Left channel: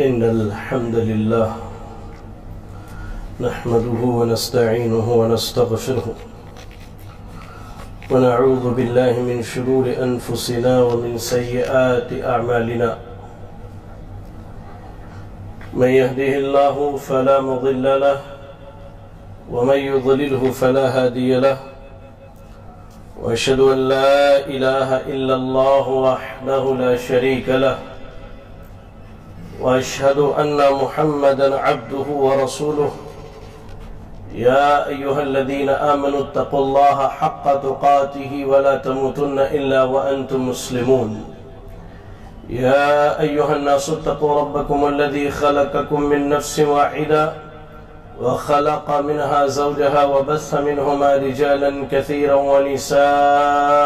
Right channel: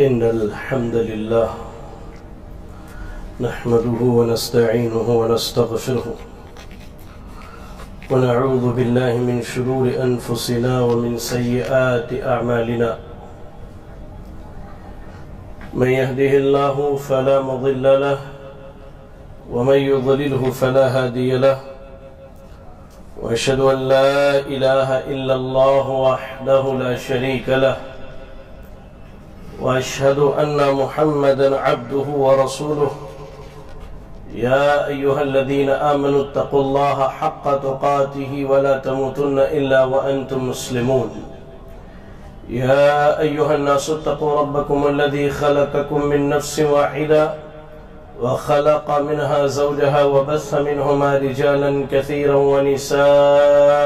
إن الحمد لله نحمده ونستعينه ونستغفره ونعوذ بالله من شرور أنفسنا ومن سيئات أعمالنا من يهده الله فلا مضل له ومن يضلله فلا هادي له وأشهد أن لا إله إلا الله وحده لا شريك له وأشهد أن محمدا عبده ورسوله يا أيها الذين آمنوا اتقوا الله حق تقاته ولا تموتن إلا وأنتم مسلمون يا أيها الناس اتقوا ربكم الذي خلقكم من نفس واحدة وخلق منها زوجها وبث منهما رجالا كثيرا ونساء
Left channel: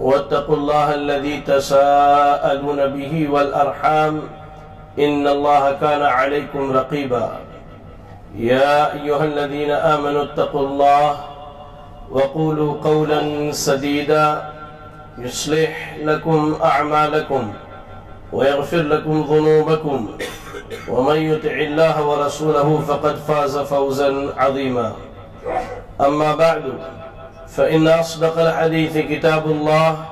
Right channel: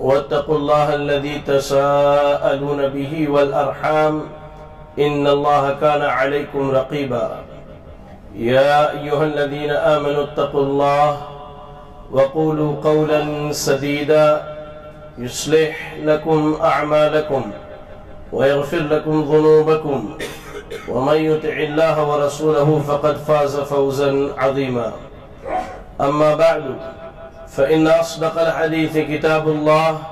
واتقوا الله الذي تساءلون به والأرحام إن الله كان عليكم رقيبا يا أيها الذين آمنوا اتقوا الله وقولوا قولا سديدا يصلح لكم أعمالكم ويغفر لكم ذنوبكم ومن يطع الله ورسوله فقد فاز فوزا عظيما أما بعد فإن أصدق الحديث كتاب الله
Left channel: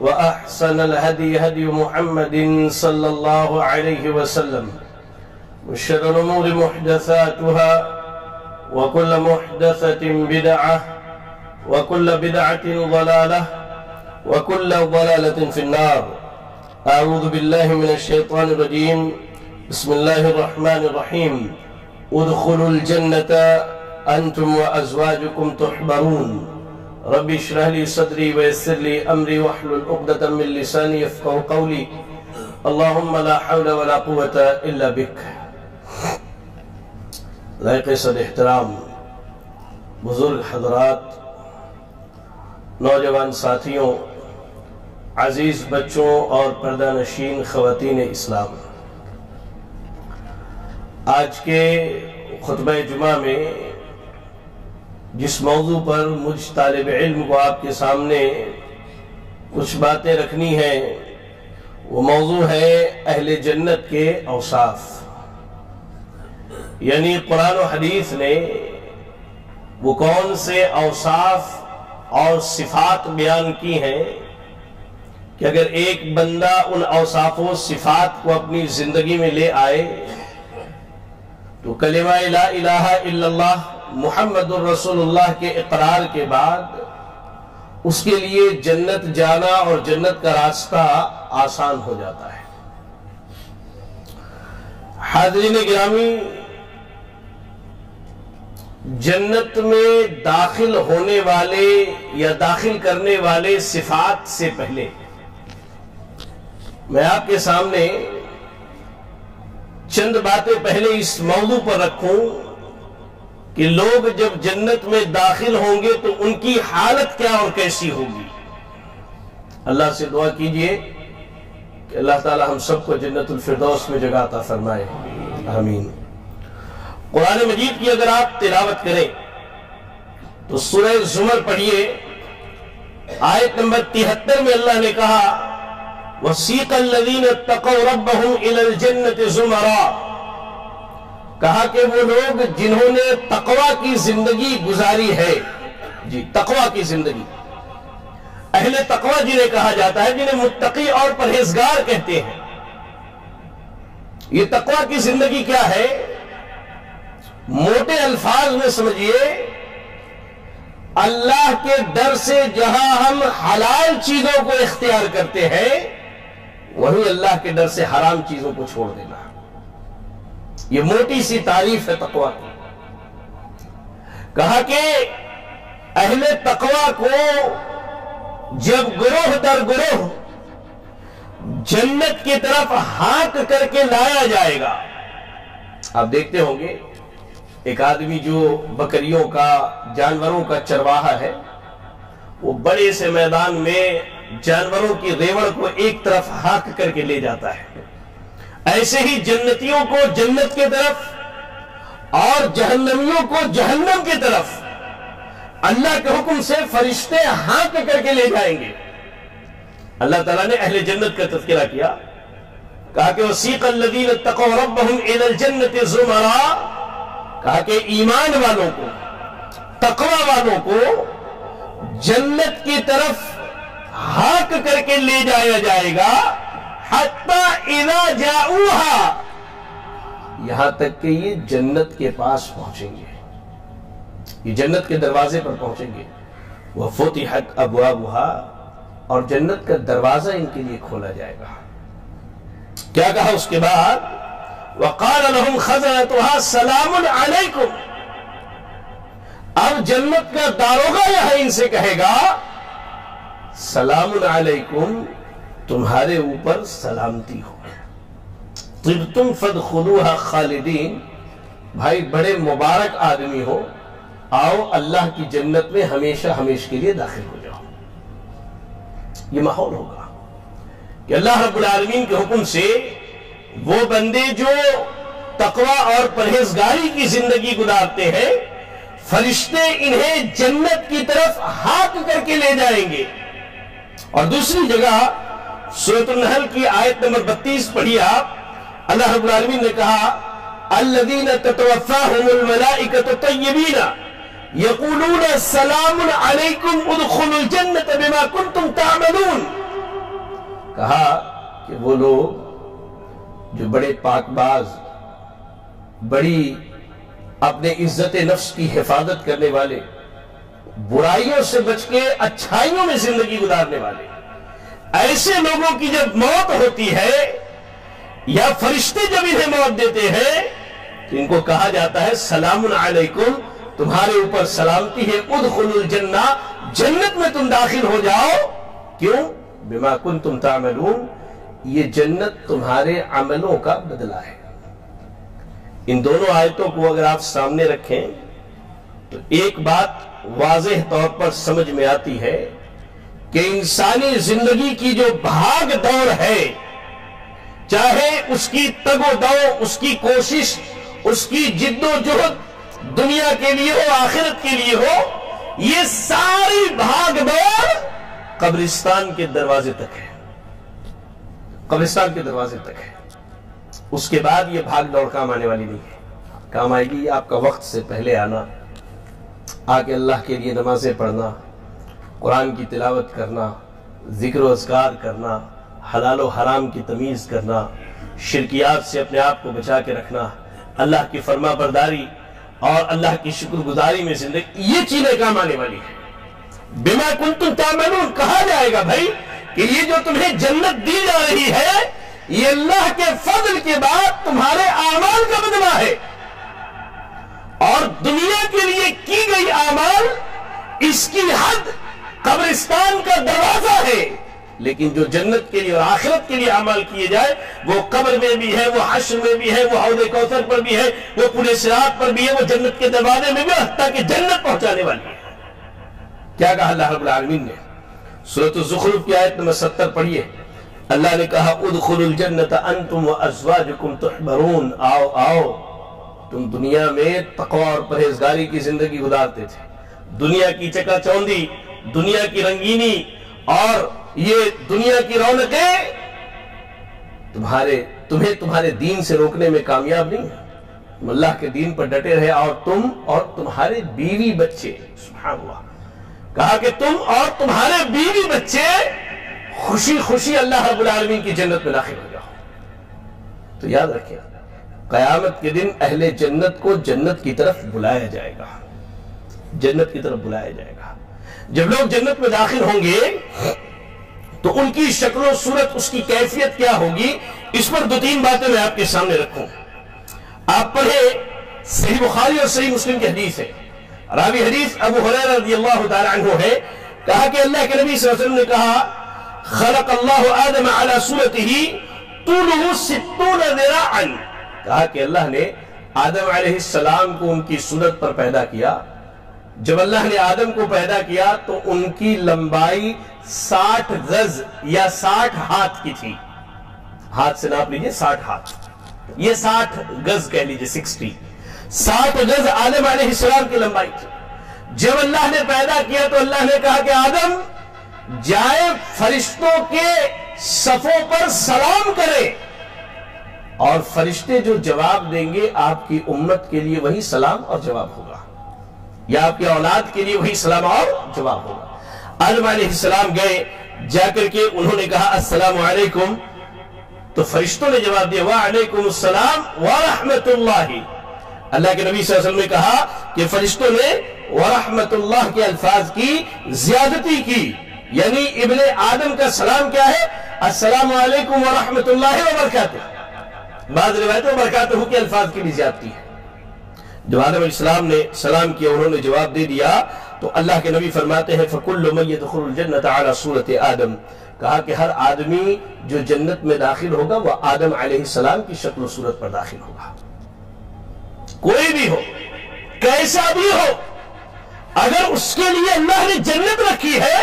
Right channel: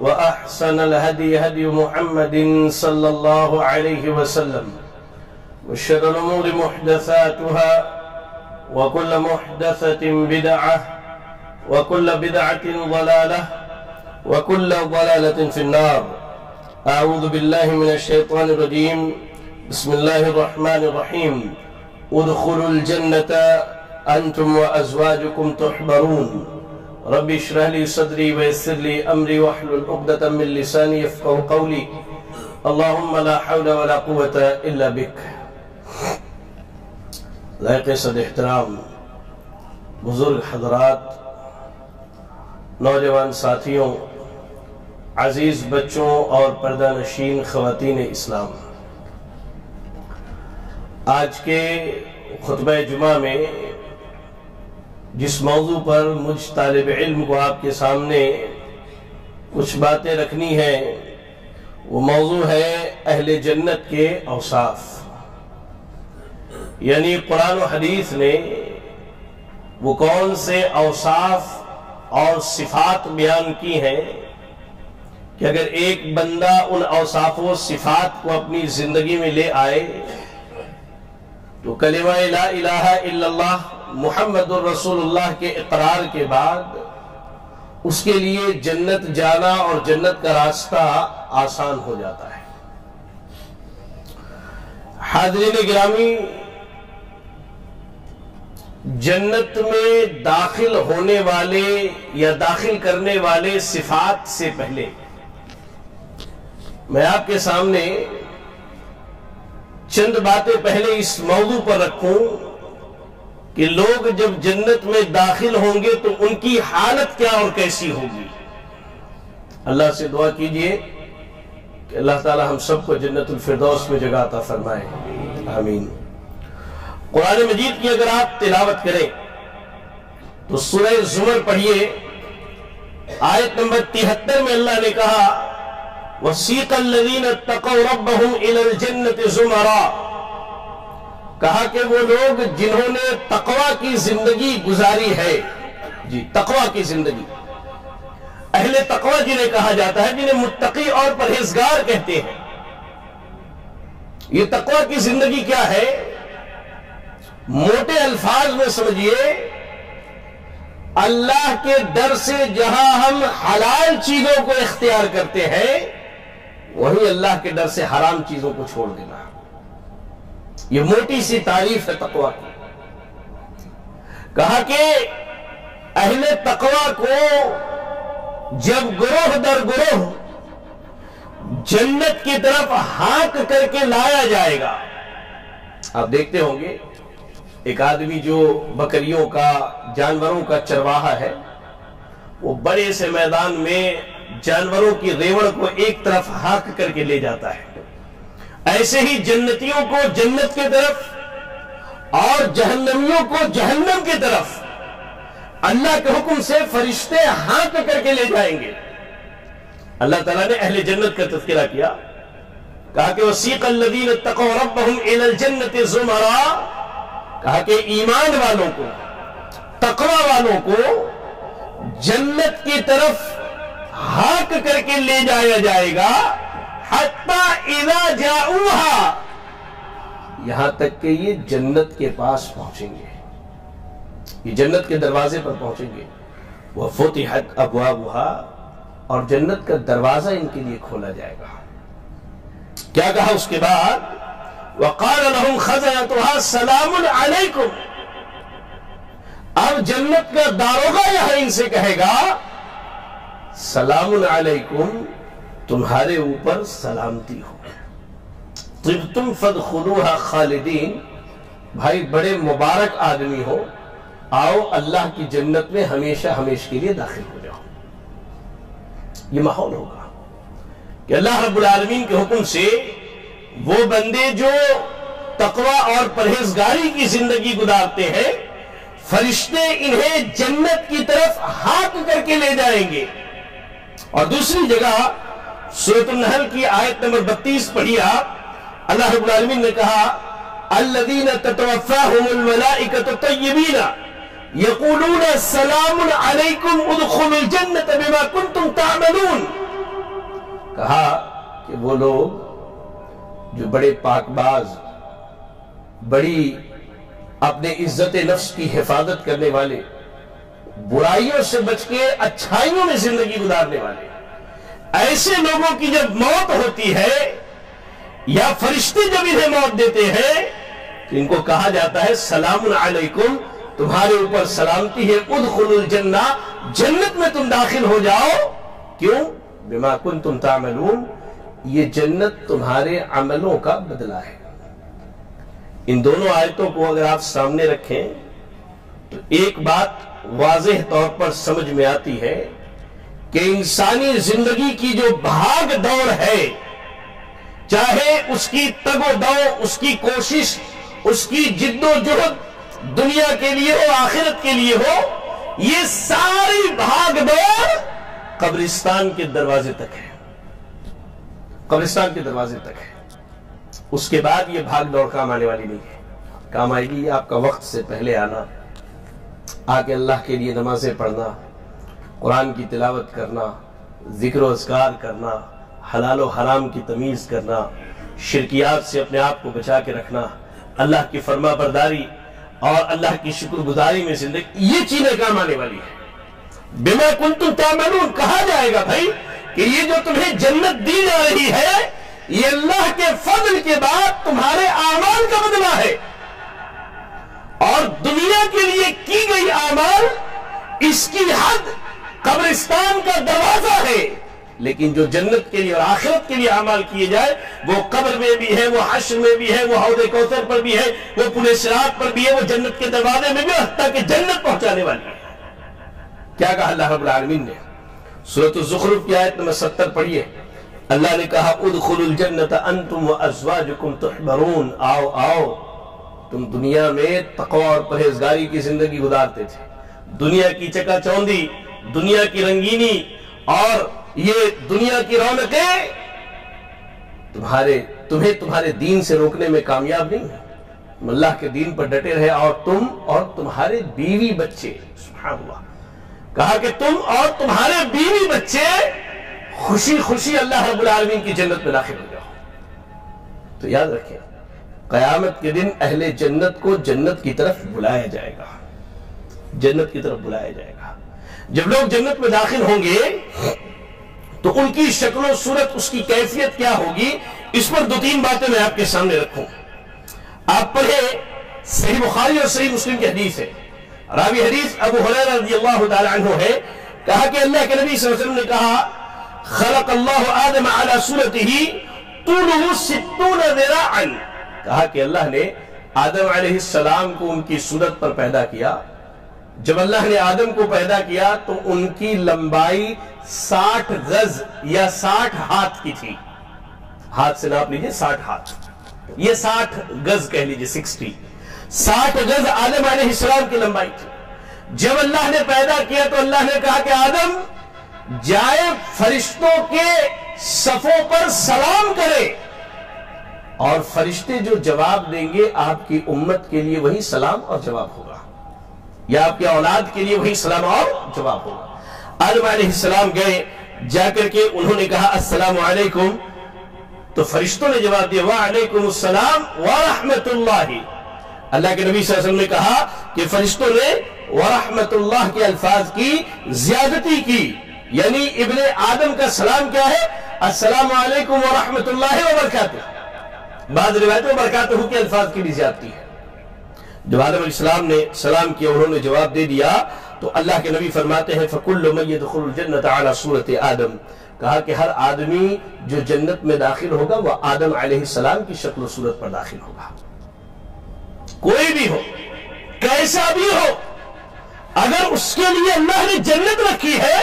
وأحسن الهدي هدي محمد صلى الله عليه وسلم وشر الأمور محدثاتها وكل محدثة بدعة وكل بدعة ضلالة وكل ضلالة في النار. أعوذ بالله من الشيطان الرجيم. بسم الله الرحمن الرحيم. ادخلوا الجنة أنتم وأزواجكم تحبرون رب اشرح لي صدري ويسر لي أمري واحلل عقدة من لساني يفقهوا قولي اللهم لا حول ولا قوة إلا بك. لائق صد احترام بزرگ حضرات، نوجوان ساتھیوں، عزیز بچوں اور پردہ نشین خواتین اسلام، آج کے خطبہ جمعہ میں جس موضوع پر مجھ طالب علم کو آپ کے سامنے کچھ باتیں رکھنی ہیں وہ موضوع ہے اہل جنت کے اوصاف. یعنی قرآن و حدیث نے وہ کون سے اوصاف اور صفات بیان کی ہیں کہ اگر ایک بندہ ان اوصاف و صفات کو اپنی زندگی میں لے آئے تو کلمہ لا الہ الا اللہ محمد الرسول اللہ کے اقرار کے بعد اس کے لیے جنت جانا اور جنت کا راستہ آسان ہو جاتا ہے. حاضرین گرامی، جنت میں داخل ہونے والے یا داخل کرنے والے صفات سے پہلے میں آپ کے سامنے چند باتیں پہلے اس موضوع پر رکھوں کہ لوگ جب جنت میں داخل ہوں گے تو ان کی حالت کیا اور کیسی ہوگی. اللہ سے دعا کیجئے کہ اللہ تعالی ہم سب کو جنت الفردوس میں جگہ عطا فرمائے، آمین. قرآن مجید کی اگر آپ تلاوت کریں تو سورہ زمر پڑھیے، آیت نمبر 73 میں اللہ نے کہا وَسِيقَ الَّذِينَ اتَّقَوْا رَبَّهُمْ إِلَى الْجَنَّةِ زُمَرًا، کہا کہ وہ لوگ جنہوں نے تقوی کی زندگی گزاری ہے، جی تقوی کی زندگی، اہل تقوی جنہیں کہا جاتا ہے، جنہیں متقی اور پرہیزگار کہتے ہیں. یہ تقوی کی زندگی کیا ہے؟ موٹے الفاظ میں سمجھیے، اللہ کے ڈر سے جہاں ہم حلال چیزوں کو اختیار کرتے ہیں وہیں اللہ کے ڈر سے حرام چیزوں کو چھوڑ دینا. یہ موٹی سی تعریف ہے تقوی کی. کہا کہ اہل تقوی کو جب گروہ در گروہ جنت کی طرف ہانک کر کے لایا جائے گا. آپ دیکھتے ہوں گے ایک آدمی جو بکریوں کا، جانوروں کا چرواہا ہے، وہ بڑے سے میدان میں جانوروں کی ریوڑ کو ایک طرف ہانک کر کے لے جاتا ہے. ایسے ہی جنتیوں کو جنت کی طرف اور جہنمیوں کو جہنم کی طرف اللہ کے حکم سے فرشتے ہانک کر کے لے جائیں گے. اللہ تعالیٰ نے اہل جنت کا تذکرہ کیا کہا کہ وسیق الذین اتقوا ربهم الی الجنۃ زمرا، کہا کہ ایمان والوں کو، تقوی والوں کو جنت کی طرف ہاک کر کے لے جایا جائے گا، حتی اذا جاؤہا، یہاں تک کہ یہ جنت کے پاس پہنچیں گے، یہ جنت کے دروازے پر پہنچیں گے، وفتحت ابوابہا، اور جنت کا دروازہ ان کے لیے کھولا جائے گا۔ کیا کہا اس کے بعد؟ وقال لهم خزنتها سلام علیکم، اب جنت کا داروغہ یہاں ان سے کہے گا سلام علیکم، تمہارے اوپر سلامتی ہو، طبتم فادخلوها خالدین، بھائی بڑے مبارک آدمی ہو، آؤ اللہ کی جنت میں ہمیشہ ہمیشہ کے لیے داخل ہو جاؤ۔ یہ ماحول ہوگا کہ اللہ رب العالمین کے حکم سے وہ بندے جو تقوی اور پرہیزگاری کی زندگی گزارتے ہیں، فرشتے انہیں جنت کی طرف ہاتھ کر کے لے جائیں گے۔ اور دوسری جگہ سورۃ النحل کی آیت نمبر 32 پڑھی آپ، اللہ رب العالمین نے کہا الذین تتوفاہم الملائکۃ طیبین یقولون سلام علیکم ادخلوا الجنۃ بما کنتم تعملون، کہا کہ وہ لوگ جو بڑے پاک باز، بڑی اپنے عزت نفس کی حفاظت کرنے والے، برائیوں سے بچ کے اچھائیوں میں زندگی گزارنے والے، ایسے لوگوں کی جب موت ہوتی ہے یا فرشتے جب انہیں موت دیتے ہیں تو ان کو کہا جاتا ہے سلام علیکم، تمہارے اوپر سلامتی ہے، ادخلوا الجنہ، جنت میں تم داخل ہو جاؤ۔ کیوں؟ بما کنتم تعملون، یہ جنت تمہارے عملوں کا بدلہ ہے۔ ان دونوں آیتوں کو اگر آپ سامنے رکھیں تو ایک بات واضح طور پر سمجھ میں آتی ہے کہ انسانی زندگی کی جو بھاگ دوڑ ہے، چاہے اس کی تگ و دو، اس کی کوشش، اس کی جد و جہد دنیا کے لیے ہو، آخرت کے لیے ہو، یہ ساری بھاگ دوڑ قبرستان کے دروازے تک ہے، قبرستان کے دروازے تک ہے۔ اس کے بعد یہ بھاگ دوڑ کام آنے والی نہیں ہے۔ کام آئے گی آپ کا وقت سے پہلے آنا، آ کے اللہ کے لیے نمازیں پڑھنا، قرآن کی تلاوت کرنا، ذکر و اذکار کرنا، حلال و حرام کی تمیز کرنا، شرکیات سے اپنے آپ کو بچا کے رکھنا، اللہ کی فرما برداری اور اللہ کی شکر گزاری میں زندگی، یہ چیزیں کام آنے والی ہے۔ بما کنتم تعملون، کہا جائے گا بھائی کہ یہ جو تمہیں جنت دی جا رہی ہے، یہ اللہ کے فضل کے بعد تمہارے اعمال کا بدلہ ہے، اور دنیا کے لیے کی گئی اعمال اس کی حد قبرستان کا دروازہ ہے، لیکن جو جنت کے لیے اور آخرت کے لیے اعمال کیے جائے وہ قبر میں بھی ہے، وہ حشر میں بھی ہے، وہ حوض کوثر پر بھی ہے، وہ پل صراط پر بھی ہے، وہ جنت کے دروازے میں بھی، حتیٰ کہ جنت پہنچانے والی ہے۔ کیا کہا اللہ رب العالمین نے؟ سورۃ الزخرف کی آیت نمبر 70 پڑھیے، اللہ نے کہا ادخلوا الجنۃ انتم وازواجکم تحبرون، آؤ آؤ، تم دنیا میں تقوی اور پرہیزگاری کی زندگی گزارتے تھے، دنیا کی چکا چوندی، دنیا کی رنگینی اور یہ دنیا کی رونقیں تمہیں تمہارے دین سے روکنے میں کامیاب نہیں ہے، تم اللہ کے دین پر ڈٹے رہے، اور تم اور تمہارے بیوی بچے، سبحان اللہ، کہا کہ تم اور تمہارے بیوی بچے خوشی خوشی اللہ رب العالمین کی جنت میں داخل ہو جاؤ۔ تو یاد رکھیں، قیامت کے دن اہل جنت کو جنت کی طرف بلایا جائے گا، جنت کی طرف بلایا جائے گا۔ جب لوگ جنت میں داخل ہوں گے تو ان کی شکل و صورت، اس کی کیفیت کیا ہوگی، اس پر دو تین باتیں میں آپ کے سامنے رکھوں۔ آپ پڑھیں، صحیح بخاری اور صحیح مسلم کی حدیث ہے، راوی حدیث ابو ہریرہ رضی اللہ تعالی عنہ ہے، کہا کہ اللہ کے نبی صلی اللہ علیہ وسلم نے کہا خلق اللہ آدم علی صورتہ طولہ 60 ذراعا، کہا کہ اللہ نے آدم علیہ السلام کو ان کی صورت پر پیدا کیا۔ جب اللہ نے آدم کو پیدا کیا تو ان کی لمبائی 60 گز یا 60 ہاتھ کی تھی، ہاتھ سے ناپ لیجئے 60 ہاتھ، یہ 60 گز کہہ لیجئے 60 گز آدم علیہ السلام کی لمبائی تھی۔ جب اللہ نے پیدا کیا تو اللہ نے کہا کہ آدم جائے فرشتوں کے صفوں پر سلام کرے، اور فرشتے جو جواب دیں گے آپ کی امت کے لیے وہی سلام اور جواب ہوگا، یا آپ کی اولاد کے لیے وہی سلام اور جواب ہوگا۔ آدم علیہ السلام گئے، جا کر کے انہوں نے کہا السلام علیکم، تو فرشتوں نے جواب دیا وعلیکم السلام ورحمت اللہ۔ اللہ کے نبی صلی اللہ علیہ وسلم نے کہا کہ فرشتوں نے ورحمت اللہ کے الفاظ کی زیادتی کی، یعنی ابن آدم کا سلام کیا ہے؟ السلام علیکم ورحمت اللہ وبرکاتہ۔ بعض روایتوں میں برکاتہ کے الفاظ کی بھی زیادتی ہے۔ جب آدم علیہ السلام نے سلام کیا، انہوں نے جواب دے دیا، تو اللہ کے نبی فرماتے ہیں فَكُلُّ مَن يَدْخُلُ الْجَنَّةَ عَلَى صُورَةِ آدم، کہا کہ ہر آدمی جو جنت میں داخل ہوگا وہ آدم علیہ السلام کی شکل و صورت پر داخل ہوگا۔ کوئی بھی ہو، کیسا بھی ہو، اگر اس کے لیے اللہ نے جنت رکھی ہے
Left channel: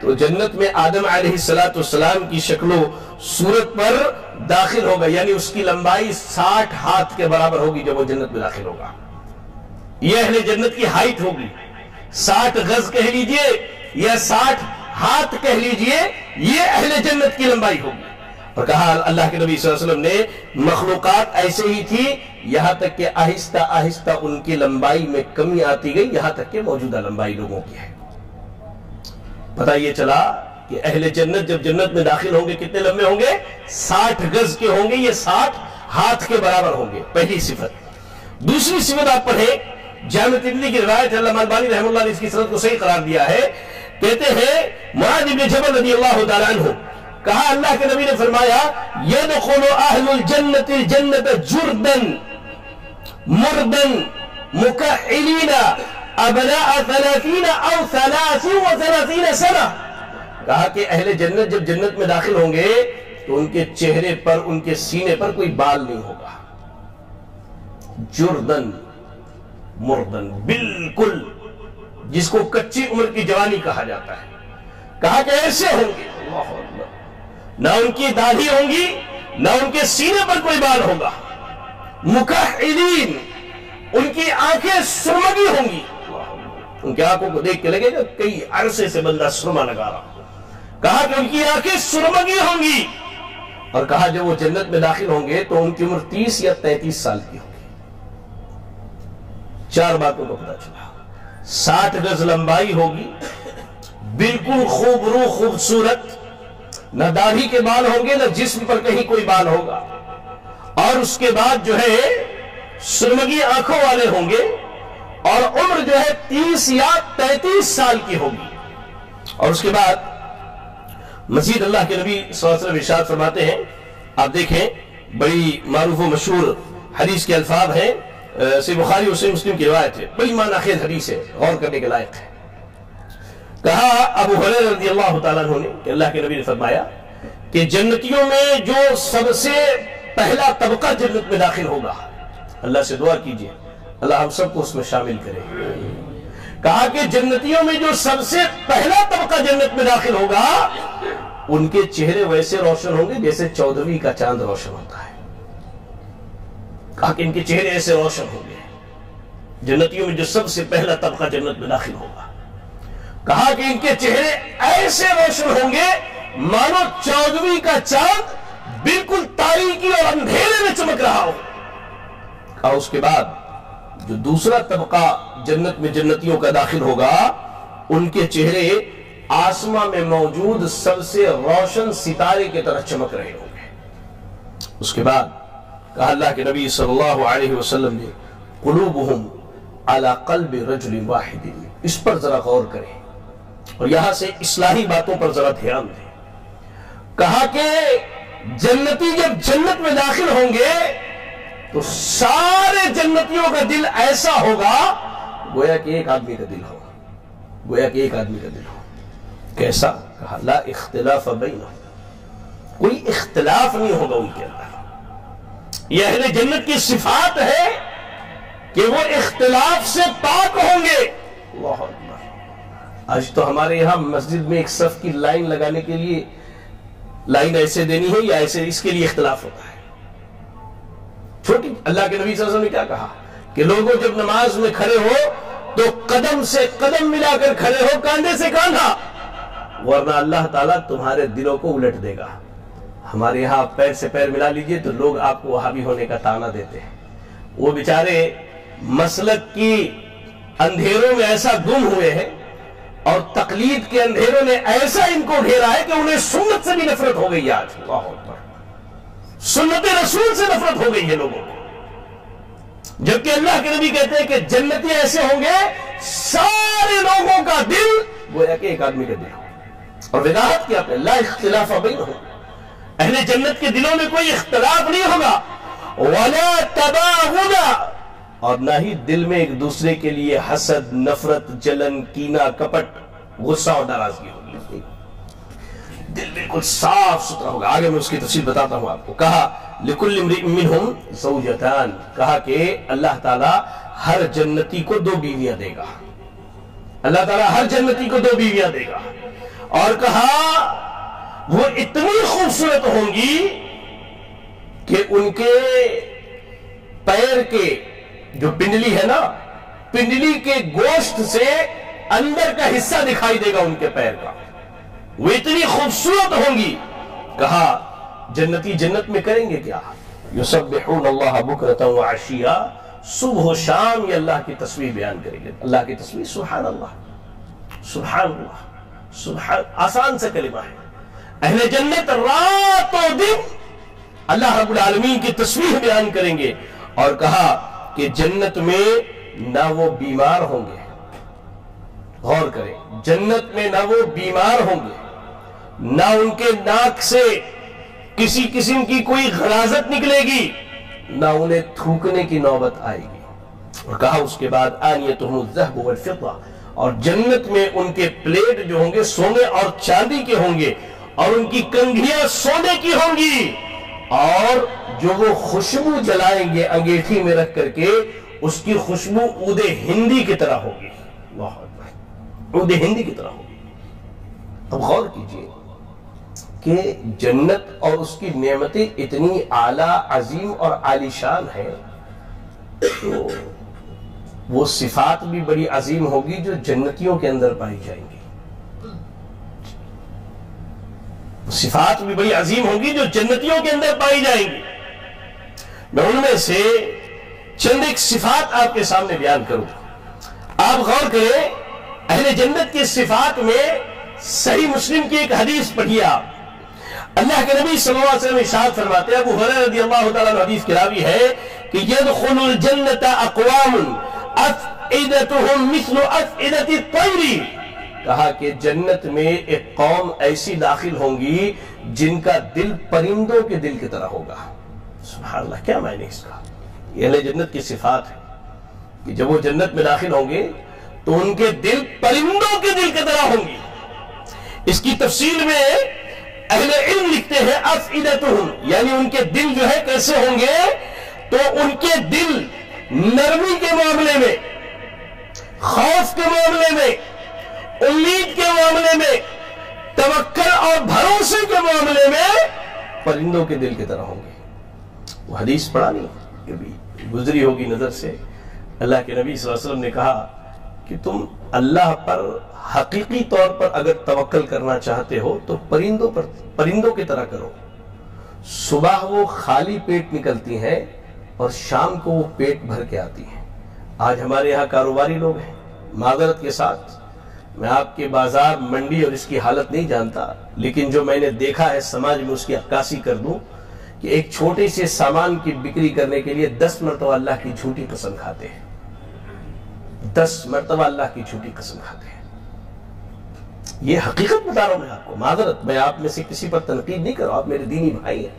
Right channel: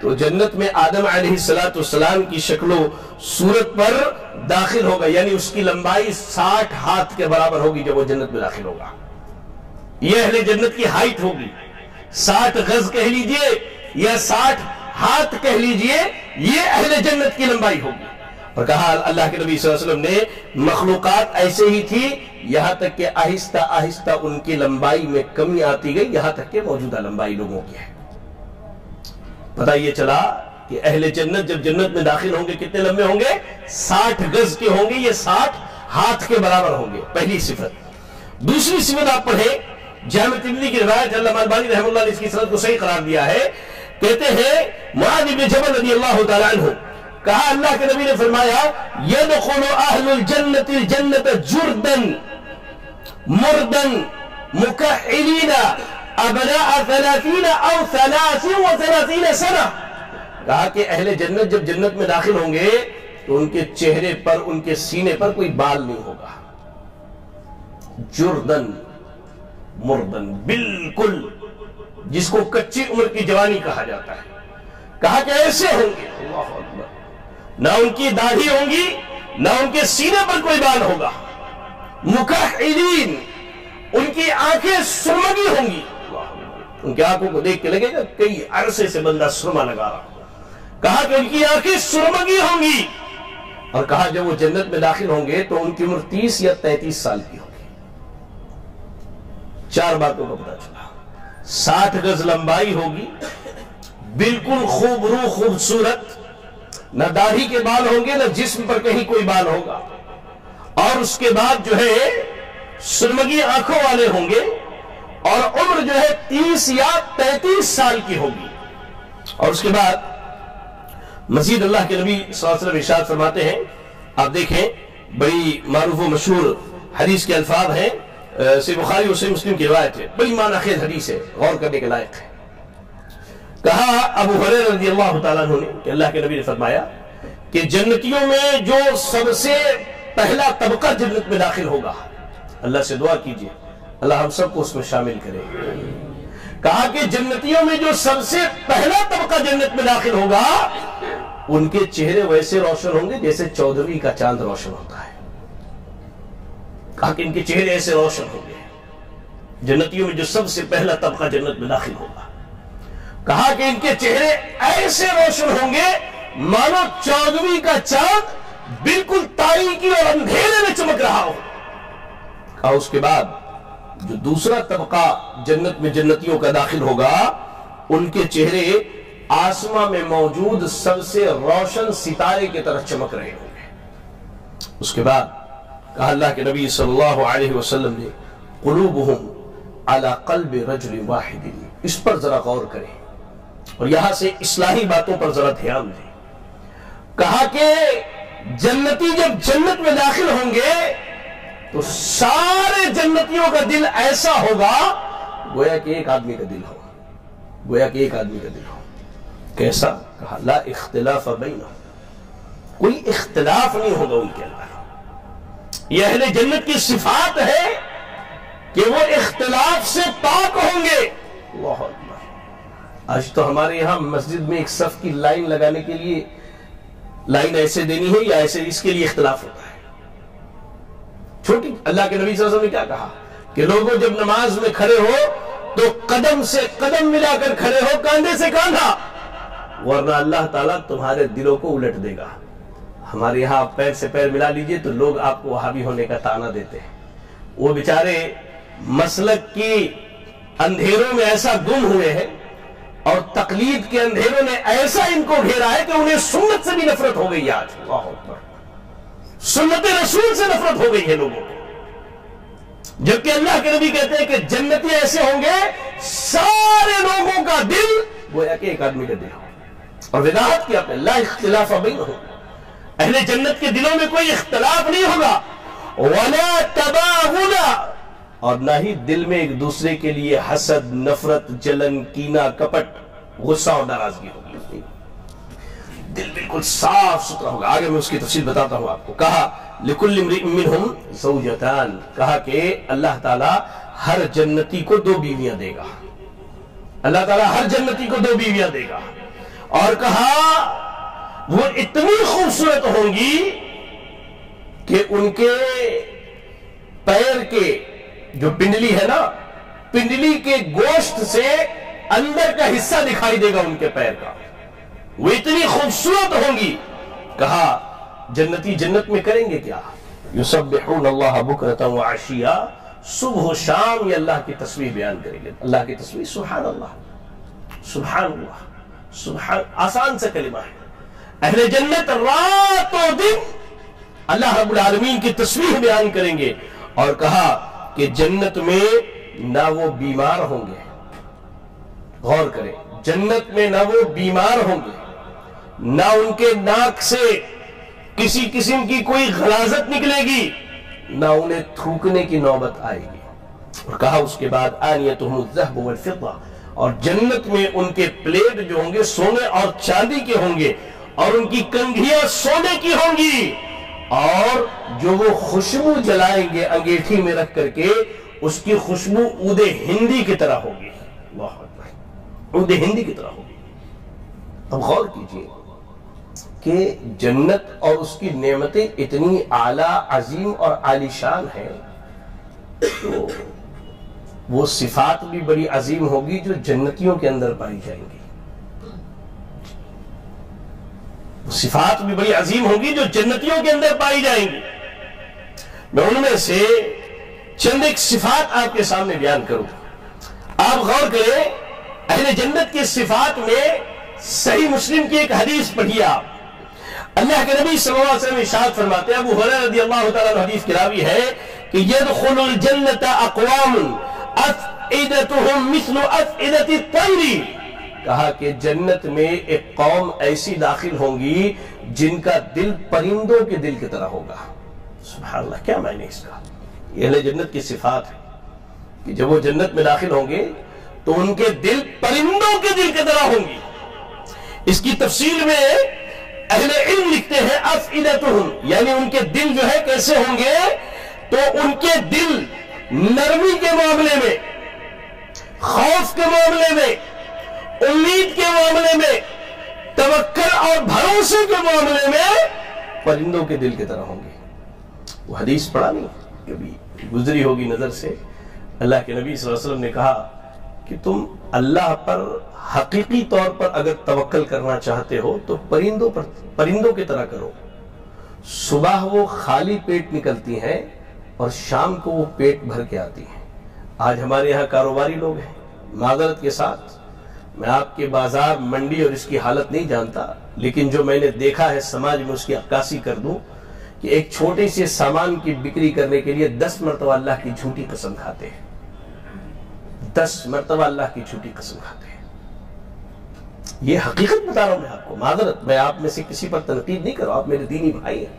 تو جنت میں آدم علیہ السلام کی شکل و صورت پر داخل ہوگا، یعنی اس کی لمبائی 60 ہاتھ کے برابر ہوگی جب وہ جنت میں داخل ہوگا۔ یہ اہل جنت کی ہائٹ ہوگی، 60 گز کہہ لیجئے یا 60 ہاتھ کہہ لیجئے، یہ اہل جنت کی لمبائی ہوگی۔ اور کہا اللہ کے نبی صلی اللہ علیہ وسلم نے مخلوقات ایسے ہی تھی، یہاں تک کہ آہستہ آہستہ ان کی لمبائی میں کمی آتی گئی، یہاں تک کہ موجودہ لمبائی لوگوں کی ہے۔ پتہ یہ چلا کہ اہل جنت جب جنت میں داخل ہوں گے کتنے لمبے ہوں گے؟ 60 گز کے ہوں گے، یہ 60 ہاتھ کے برابر ہوں گے، پہلی صفت۔ دوسری صفت آپ پڑھیں، جامع ترمذی کی روایت ہے، علامہ البانی رحمہ اللہ نے اس کی سند کو صحیح قرار دیا ہے، کہتے ہیں معاذ بن جبل رضی اللہ تعالی عنہ، کہا اللہ کے نبی نے فرمایا يدخل اہل الجنت الجنت جردا مردا مکحلین ابناء 30 او 33 سنہ، کہا کہ اہل جنت جب جنت میں داخل ہوں گے تو ان کے چہرے پر، ان کے سینے پر کوئی بال نہیں ہوگا، جردن مردن، بالکل جس کو کچی عمر کی جوانی کہا جاتا ہے۔ کہا کہ ایسے ہوں گے، اللہ اکبر، نہ ان کی داڑھی ہوں گی، نہ ان کے سینے پر کوئی بال ہوگا، مکحلین، ان کی آنکھیں سرمگی ہوں گی، ان کی آنکھوں کو دیکھ کے لگے گا کئی عرصے سے بندہ سرما لگا رہا۔ کہا کہ ان کی آنکھیں سرمگی ہوں گی، اور کہا جب وہ جنت میں داخل ہوں گے تو ان کی عمر 30 یا 33 سال کی ہوگی۔ 4 باتوں کا پتہ چلا، 60 گز لمبائی ہوگی، بالکل خوبرو خوبصورت، نہ داڑھی کے بال ہوں گے، نہ جسم پر کہیں کوئی بال ہوگا، اور اس کے بعد جو ہے سرمگی آنکھوں والے ہوں گے، اور عمر جو ہے 30 یا 33 سال کی ہوگی۔ اور اس کے بعد مزید اللہ کے نبی صلی اللہ علیہ وسلم ارشاد فرماتے ہیں، آپ دیکھیں بڑی معروف و مشہور حدیث کے الفاظ ہیں، صحیح بخاری اور صحیح مسلم کی روایت ہے، بڑی معنی خیز حدیث ہے، غور کرنے کے لائق ہے۔ کہا ابو ہریرہ رضی اللہ تعالیٰ عنہ نے کہ اللہ کے نبی نے فرمایا کہ جنتیوں میں جو سب سے پہلا طبقہ جنت میں داخل ہوگا، اللہ سے دعا کیجئے اللہ ہم سب کو اس میں شامل کرے۔ کہا کہ جنتیوں میں جو سب سے پہلا طبقہ جنت میں داخل ہوگا، ان کے چہرے ویسے روشن ہوں گے جیسے 14ویں کا چاند روشن ہوتا ہے۔ کہا کہ ان کے چہرے ایسے روشن ہوں گے، جنتیوں میں جو سب سے پہلا طبقہ جنت میں داخل ہوگا، کہا کہ ان کے چہرے ایسے روشن ہوں گے مانو 14ویں کا چاند بالکل تاریکی اور اندھیرے میں چمک رہا ہو۔ کہا اس کے بعد جو دوسرا طبقہ جنت میں جنتیوں کا داخل ہوگا، ان کے چہرے آسمان میں موجود سب سے روشن ستارے کی طرح چمک رہے ہوں گے۔ اس کے بعد کہا اللہ کے نبی صلی اللہ علیہ وسلم نے قلوبہم علی قلب رجل واحد، اس پر ذرا غور کریں اور یہاں سے اصلاحی باتوں پر ذرا دھیان دیں۔ کہا کہ جنتی جب جنت میں داخل ہوں گے تو سارے جنتیوں کا دل ایسا ہوگا گویا کہ ایک آدمی کا دل ہو، گویا کہ ایک آدمی کا دل ہو۔ کیسا؟ کہا لا اختلاف بینہم، کوئی اختلاف نہیں ہوگا ان کے اندر۔ یہ اہل جنت کی صفات ہے کہ وہ اختلاف سے پاک ہوں گے۔ اللہ اکبر، آج تو ہمارے یہاں مسجد میں ایک صف کی لائن لگانے کے لیے لائن ایسے دینی ہے یا ایسے، اس کے لیے اختلاف ہوتا ہے۔ چھوٹی اللہ کے نبی صلی اللہ علیہ وسلم نے کیا کہا کہ لوگوں جب نماز میں کھڑے ہو تو قدم سے قدم ملا کر کھڑے ہو، کاندھے سے کاندھا، ورنہ اللہ تعالیٰ تمہارے دلوں کو الٹ دے گا۔ ہمارے یہاں پیر سے پیر ملا لیجئے تو لوگ آپ کو وہابی ہونے کا تانا دیتے ہیں. وہ بیچارے مسلک کی اندھیروں میں ایسا گم ہوئے ہیں اور تقلید کے اندھیروں نے ایسا ان کو گھیرا ہے کہ انہیں سنت سے بھی نفرت ہو گئی. آج اللہ اکبر، سنت رسول سے نفرت ہو گئی ہے لوگوں کو. جبکہ اللہ کے نبی کہتے ہیں کہ جنتی ایسے ہوں گے سارے لوگوں کا دل گویا کہ ایک آدمی کا دل ہو. اور وضاحت کیا کہ لا اختلاف بینہم، اہل جنت کے دلوں میں کوئی اختلاف نہیں ہوگا. ولا تباغض، اور نہ ہی دل میں ایک دوسرے کے لیے حسد، نفرت، جلن، کینہ، کپٹ، غصہ اور ناراضگی ہوگی. دل بالکل صاف ستھرا ہوگا. آگے میں اس کی تفصیل بتاتا ہوں آپ کو. کہا لِكُلِّ امْرِئٍ مِّنْهُمْ زَوْجَتَانِ، کہا کہ اللہ تعالیٰ ہر جنتی کو 2 بیویاں دے گا. اللہ تعالیٰ ہر جنتی کو 2 بیویاں دے گا. اور کہا وہ اتنی خوبصورت ہوں گی کہ ان کے پیر کے جو پنڈلی ہے نا، پنڈلی کے گوشت سے اندر کا حصہ دکھائی دے گا ان کے پیر کا. وہ اتنی خوبصورت ہوں گی. کہا جنتی جنت میں کریں گے کیا؟ یسبحون اللہ بکرۃ وعشیا، صبح و شام یہ اللہ کی تسبیح بیان کریں گے. اللہ کی تسبیح، سبحان اللہ، سبحان اللہ، سبحان. آسان سا کلمہ ہے. اہل جنت رات و دن اللہ رب العالمین کی تسبیح بیان کریں گے. اور کہا کہ جنت میں نہ وہ بیمار ہوں گے. غور کریں، جنت میں نہ وہ بیمار ہوں گے، نہ ان کے ناک سے کسی قسم کی کوئی غلاظت نکلے گی، نہ انہیں تھوکنے کی نوبت آئے گی. اور کہا اس کے بعد آنیتہم الذہب والفضہ، اور جنت میں ان کے پلیٹ جو ہوں گے سونے اور چاندی کے ہوں گے، اور ان کی کنگھیاں سونے کی ہوں گی. اور جو وہ خوشبو جلائیں گے انگیٹھی میں رکھ کر کے، اس کی خوشبو عود ہندی کی طرح ہوگی. اللہ اکبر، عود ہندی کی طرح ہوگی. اب غور کیجئے کہ جنت اور اس کی نعمتیں اتنی اعلیٰ، عظیم اور عالی شان ہیں، تو وہ صفات بھی بڑی عظیم ہوگی جو جنتیوں کے اندر پائی جائیں گی. وہ صفات بھی بڑی عظیم ہوگی جو جنتیوں کے اندر پائی جائیں گی. میں ان میں سے چند ایک صفات آپ کے سامنے بیان کروں. آپ غور کریں، اہل جنت کی صفات میں صحیح مسلم کی ایک حدیث پڑھیے آپ. اللہ کے نبی صلی اللہ علیہ وسلم ارشاد فرماتے ہیں، ابو ہریرہ رضی اللہ تعالیٰ عنہ حدیث کی راوی ہے کہ يدخل الجنة اقوام افئدتهم مثل افئدة الطير. کہا کہ جنت میں ایک قوم ایسی داخل ہوں گی جن کا دل پرندوں کے دل کی طرح ہوگا. سبحان اللہ، کیا معنی اس کا؟ یہ اہل جنت کی صفات ہے کہ جب وہ جنت میں داخل ہوں گے تو ان کے دل پرندوں کے دل کی طرح ہوں گی. اس کی تفصیل میں اہل علم لکھتے ہیں افئدتہم، یعنی ان کے دل جو ہے کیسے ہوں گے، تو ان کے دل نرمی کے معاملے میں، خوف کے معاملے میں، امید کے معاملے میں، توکل اور بھروسے کے معاملے میں پرندوں کے دل کی طرح ہوں گے. وہ حدیث پڑھا نہیں کبھی، گزری ہوگی نظر سے. اللہ کے نبی صلی اللہ علیہ وسلم نے کہا کہ تم اللہ پر حقیقی طور پر اگر توکل کرنا چاہتے ہو تو پرندوں کی طرح کرو. صبح وہ خالی پیٹ نکلتی ہیں اور شام کو وہ پیٹ بھر کے آتی ہیں. آج ہمارے یہاں کاروباری لوگ ہیں، معذرت کے ساتھ میں آپ کے بازار، منڈی اور اس کی حالت نہیں جانتا، لیکن جو میں نے دیکھا ہے سماج میں اس کی عکاسی کر دوں کہ ایک چھوٹے سے سامان کی بکری کرنے کے لیے 10 مرتبہ اللہ کی جھوٹی قسم کھاتے ہیں. 10 مرتبہ اللہ کی جھوٹی قسم کھاتے ہیں. یہ حقیقت بتا رہا ہوں میں آپ کو. معذرت، میں آپ میں سے کسی پر تنقید نہیں کر رہا ہوں، آپ میرے دینی بھائی ہیں.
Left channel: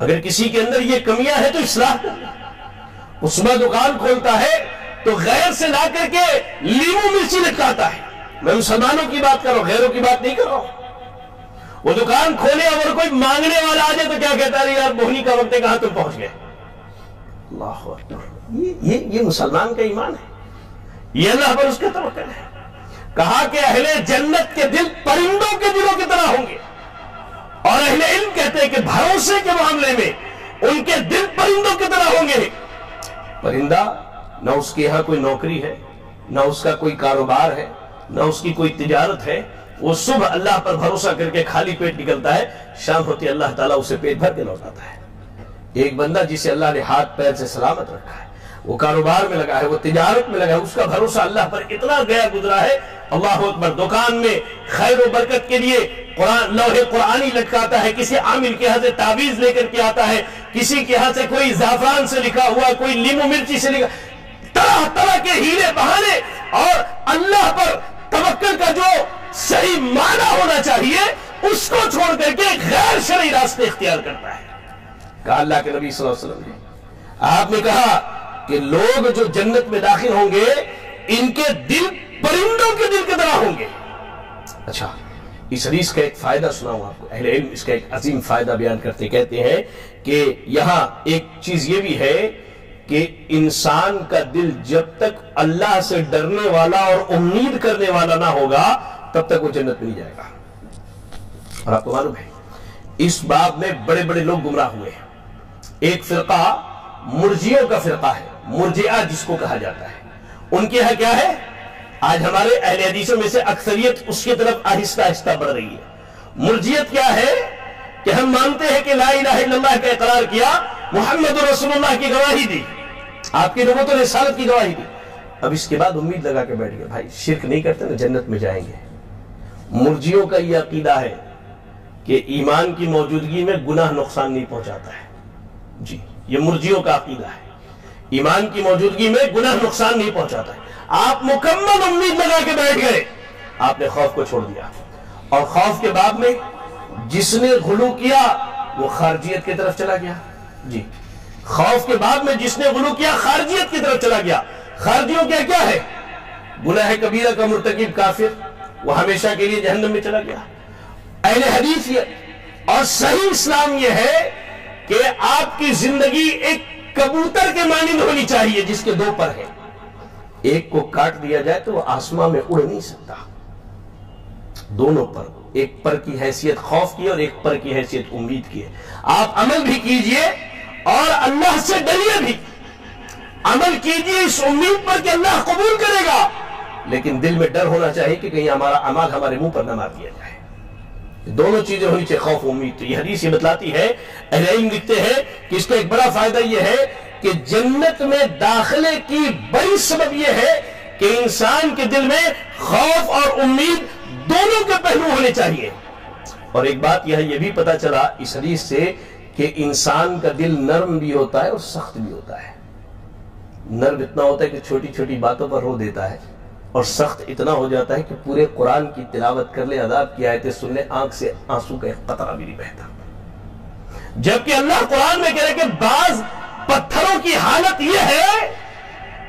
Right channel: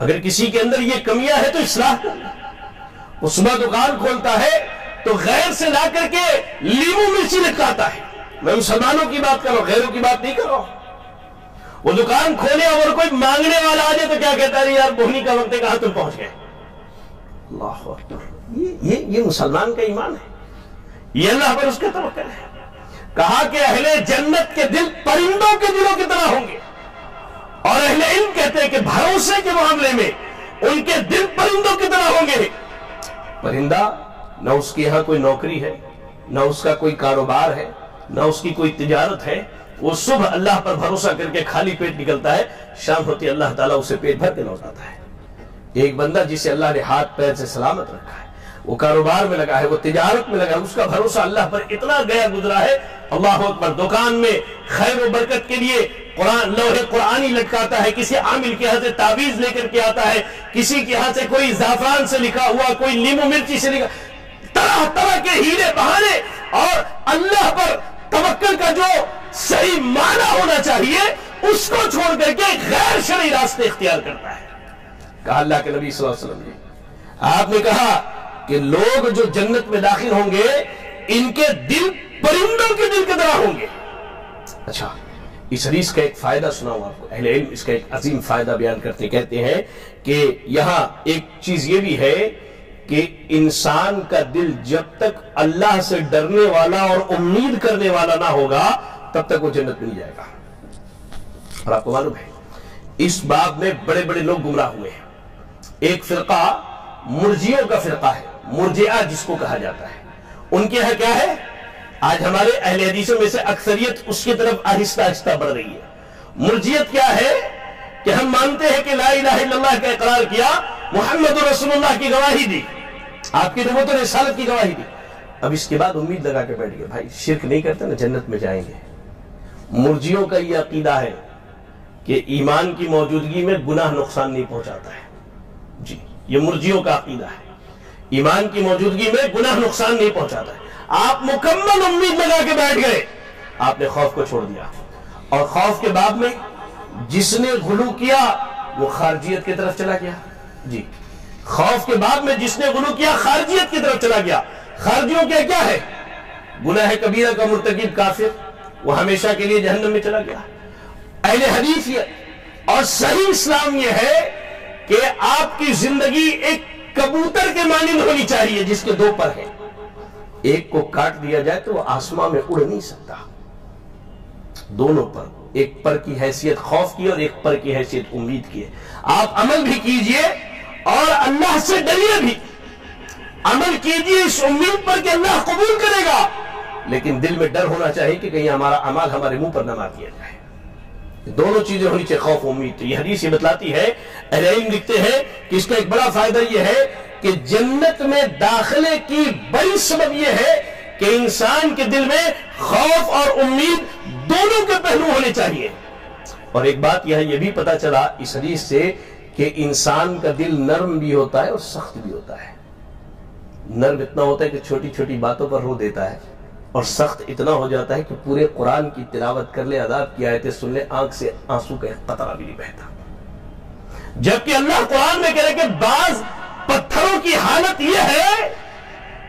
اگر کسی کے اندر یہ کمیاں ہے تو اصلاح کر لیں. وہ صبح دکان کھولتا ہے تو غیر سے لا کر کے لیمو مرچی لٹکاتا ہے. میں مسلمانوں کی بات کر رہا ہوں، غیروں کی بات نہیں کر رہا ہوں. وہ دکان کھولے اور کوئی مانگنے والا آ جائے تو کیا کہتا ہے، یار بہنی کا وقت ہے، کہاں تم پہنچ گئے. اللہ اکبر، یہ مسلمان کا ایمان ہے، یہ اللہ پر اس کا توکل ہے. کہا کہ اہل جنت کے دل پرندوں کے دلوں کی طرح ہوں گے. اور اہل علم کہتے ہیں کہ بھروسے کے معاملے میں ان کے دل پرندوں کی طرح ہوں گے. پرندہ نہ اس کے یہاں کوئی نوکری ہے، نہ اس کا کوئی کاروبار ہے، نہ اس کی کوئی تجارت ہے، وہ صبح اللہ پر بھروسہ کر کے خالی پیٹ نکلتا ہے، شام ہوتی اللہ تعالیٰ اسے پیٹ بھر کے لوٹاتا ہے۔ ایک بندہ جسے اللہ نے ہاتھ پیر سے سلامت رکھا ہے، وہ کاروبار میں لگا ہے، وہ تجارت میں لگا ہے، اس کا بھروسہ اللہ پر اتنا گیا گزرا ہے، اللہ اکبر، دکان میں خیر و برکت کے لیے لوحے قرآنی لٹکاتا ہے، کسی عامل کے ہاں سے تعویذ لے کر کے آتا ہے، کسی کے ہاں سے کوئی زعفران سے لکھا ہوا، کوئی لیمو مرچی سے لکھا، طرح طرح کے ہیلے بہانے، اور اللہ پر توکل کا جو صحیح معنی ہونا چاہیے اس کو چھوڑ کر کے غیر شرعی راستے اختیار کرتا ہے۔ کہا اللہ کے نبی صلی اللہ علیہ وسلم نے، آپ نے کہا کہ لوگ جو جنت میں داخل ہوں گے ان کے دل پرندوں کے دل کی طرح ہوں گے۔ اچھا، اس حدیث کا ایک فائدہ سناؤں آپ کو، اہل علم اس کا ایک عظیم فائدہ بیان کرتے کہتے ہیں کہ یہاں ایک چیز یہ بھی ہے کہ انسان کا دل جب تک اللہ سے ڈرنے والا اور امید کرنے والا نہ ہوگا تب تک وہ جنت میں نہیں جائے گا۔ اور آپ کو معلوم ہے اس باب میں بڑے بڑے لوگ گمراہ ہوئے ہیں۔ ایک فرقہ مرجئوں کا فرقہ ہے، مرجئہ جس کو کہا جاتا ہے، ان کے یہاں کیا ہے؟ آج ہمارے اہل حدیثوں میں سے اکثریت اس کی طرف آہستہ آہستہ بڑھ رہی ہے۔ مرجئیت کیا ہے کہ ہم مانتے ہیں کہ لا الہ الا اللہ کا اقرار کیا، محمد رسول اللہ کی گواہی دی، آپ کی نبوت و رسالت کی گواہی دی، اب اس کے بعد امید لگا کے بیٹھ گئے بھائی شرک نہیں کرتے نا جنت میں جائیں گے۔ مرجئیوں کا یہ عقیدہ ہے کہ ایمان کی موجودگی میں گناہ نقصان نہیں پہنچاتا ہے۔ جی، یہ مرجئیوں کا عقیدہ ہے، ایمان کی موجودگی میں گناہ نقصان نہیں پہنچاتا ہے۔ آپ مکمل امید لگا کے بیٹھ گئے، آپ نے خوف کو چھوڑ دیا، اور خوف کے بعد میں جس نے غلو کیا وہ خارجیت کی طرف چلا گیا۔ جی، خوف کے بعد میں جس نے غلو کیا خارجیت کی طرف چلا گیا۔ خارجیوں کیا ہے؟ گناہ کبیرہ کا مرتکب کافر، وہ ہمیشہ کے لیے جہنم میں چلا گیا۔ اہل حدیث یہ اور صحیح اسلام یہ ہے کہ آپ کی زندگی ایک کبوتر کے مانند ہونی چاہیے جس کے دو پر ہیں، ایک کو کاٹ دیا جائے تو وہ آسمان میں اڑ نہیں سکتا، دونوں پر، ایک پر کی حیثیت خوف کی اور ایک پر کی حیثیت امید کی ہے۔ آپ عمل بھی کیجئے اور اللہ سے ڈریے بھی، عمل کیجئے اس امید پر کہ اللہ قبول کرے گا، لیکن دل میں ڈر ہونا چاہیے کہ کہیں ہمارا عمل ہمارے منہ پر نہ مار دیا جائے۔ دونوں چیزیں ہونی چاہیے، خوف و امید۔ تو یہ حدیث یہ بتلاتی ہے، اہل علم لکھتے ہیں کہ اس کا ایک بڑا فائدہ یہ ہے کہ جنت میں داخلے کی بڑی سبب یہ ہے کہ انسان کے دل میں خوف اور امید دونوں کے پہلو ہونے چاہیے۔ اور ایک بات یہ بھی پتا چلا اس حدیث سے کہ انسان کا دل نرم بھی ہوتا ہے اور سخت بھی ہوتا ہے۔ نرم اتنا ہوتا ہے کہ چھوٹی چھوٹی باتوں پر رو دیتا ہے، اور سخت اتنا ہو جاتا ہے کہ پورے قرآن کی تلاوت کر لے، عذاب کی آیتیں سن لے، آنکھ سے آنسو کا ایک قطرہ بھی نہیں بہتا۔ جبکہ اللہ قرآن میں کہہ رہے کہ بعض پتھروں کی حالت یہ ہے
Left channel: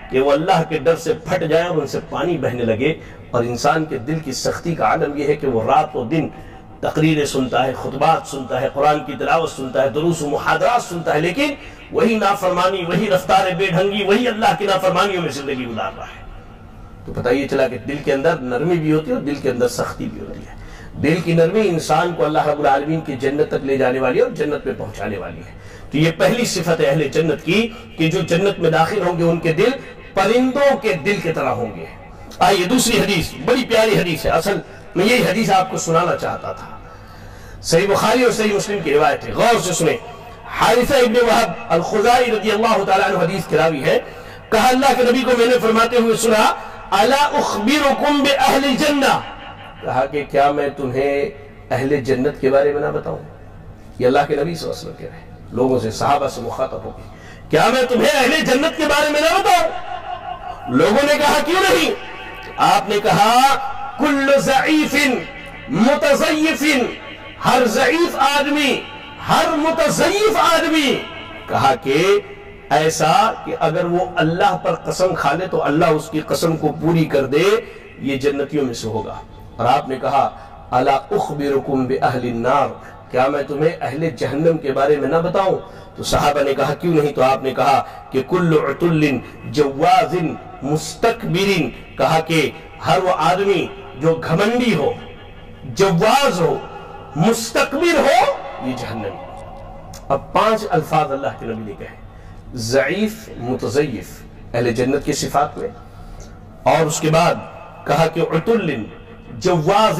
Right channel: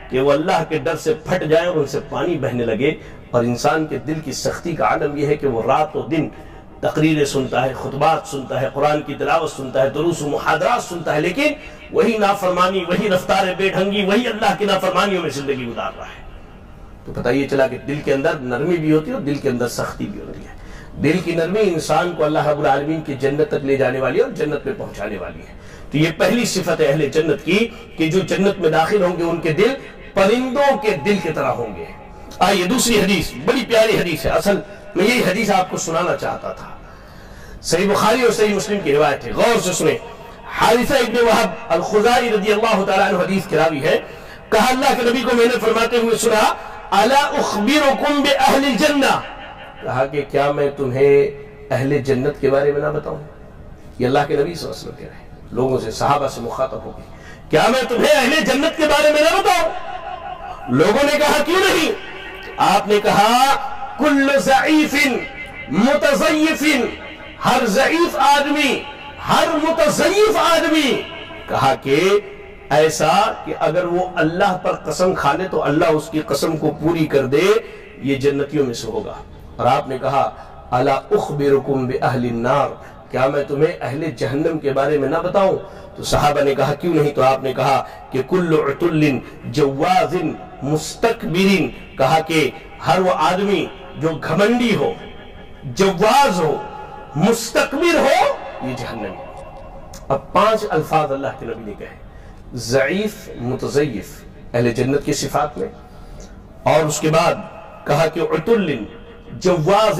کہ وہ اللہ کے ڈر سے پھٹ جائیں اور ان سے پانی بہنے لگے۔ اور انسان کے دل کی سختی کا عالم یہ ہے کہ وہ رات و دن تقریریں سنتا ہے، خطبات سنتا ہے، قرآن کی تلاوت سنتا ہے، دروس و محاضرات سنتا ہے، لیکن وہی نافرمانی، وہی رفتار بے ڈھنگی، وہی اللہ کی نافرمانیوں میں زندگی گزار رہا ہے۔ تو پتہ یہ چلا کہ دل کے اندر نرمی بھی ہوتی ہے اور دل کے اندر سختی بھی ہوتی ہے۔ دل کی نرمی انسان کو اللہ رب العالمین کی جنت تک لے جانے والی ہے اور جنت میں پہنچانے والی ہے۔ تو یہ پہلی صفت ہے اہل جنت کی کہ جو جنت میں داخل ہوں گے ان کے دل پرندوں کے دل کی طرح ہوں گے۔ آئیے دوسری حدیث، بڑی پیاری حدیث ہے، اصل میں یہی حدیث آپ کو سنانا چاہتا تھا۔ صحیح بخاری اور صحیح مسلم کی روایت ہے، غور سے سنیں۔ حارثہ ابن وہب الخزاعی رضی اللہ تعالیٰ عنہ حدیث کے راوی ہے، کہا اللہ کے نبی کو میں نے فرماتے ہوئے سنا، الا اخبرکم باہل الجنہ، کہا کہ کیا میں تمہیں اہل جنت کے بارے میں نہ بتاؤں؟ یہ اللہ کے نبی صلی اللہ علیہ وسلم کہہ رہے ہیں، لوگوں سے، صحابہ سے مخاطب ہو گئی، کیا میں تمہیں اہل جنت کے بارے میں نہ بتاؤں؟ لوگوں نے کہا کیوں نہیں؟ آپ نے کہا کل ضعیف متضیف، ہر ضعیف آدمی، ہر متضیف آدمی، کہا کہ ایسا کہ اگر وہ اللہ پر قسم کھا لے تو اللہ اس کی قسم کو پوری کر دے، یہ جنتیوں میں سے ہوگا۔ اور آپ نے کہا الا اخبرکم باہل النار، کیا میں تمہیں اہل جہنم کے بارے میں نہ بتاؤں؟ تو صحابہ نے کہا کیوں نہیں؟ تو آپ نے کہا کہ کل عتل جواز مستکبر، کہا کہ ہر وہ آدمی جو گھمنڈی ہو، جواز ہو، مستکبر ہو، یہ جہنمی۔ اب 5 الفاظ اللہ کے نبی نے کہے، ضعیف، متضیف، اہل جنت کی صفات میں، اور اس کے بعد کہا کہ عتل جواز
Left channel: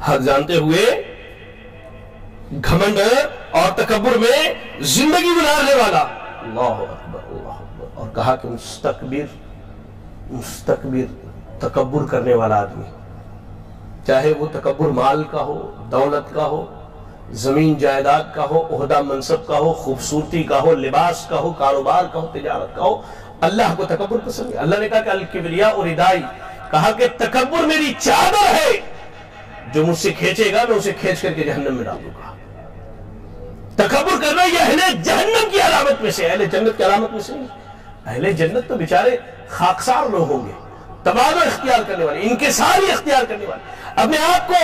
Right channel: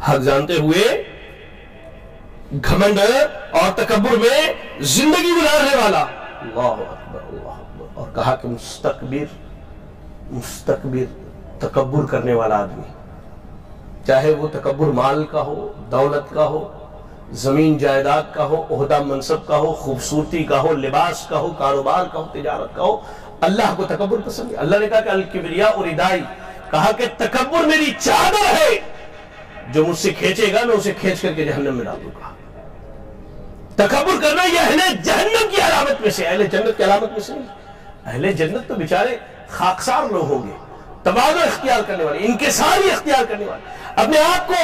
حق جانتے ہوئے گھمنڈ اور تکبر میں زندگی گزارنے والا، اللہ اکبر اللہ اکبر، اور کہا کہ مستکبر تکبر کرنے والا آدمی، چاہے وہ تکبر مال کا ہو، دولت کا ہو، زمین جائیداد کا ہو، عہدہ منصب کا ہو، خوبصورتی کا ہو، لباس کا ہو، کاروبار کا ہو، تجارت کا ہو، اللہ کو تکبر پسند ہے۔ اللہ نے کہا کہ الکبریاء ردائی، کہا کہ تکبر میری چادر ہے، جو مجھ سے کھینچے گا میں اسے کھینچ کر کے جہنم میں ڈال دوں گا۔ تکبر کرنا یہ اہل جہنم کی علامت میں سے، اہل جنت کی علامت میں سے نہیں۔ اہل جنت تو بیچارے خاکسار لوگ ہوں گے، تواضع اختیار کرنے والے، انکساری اختیار کرنے والے، اپنے آپ کو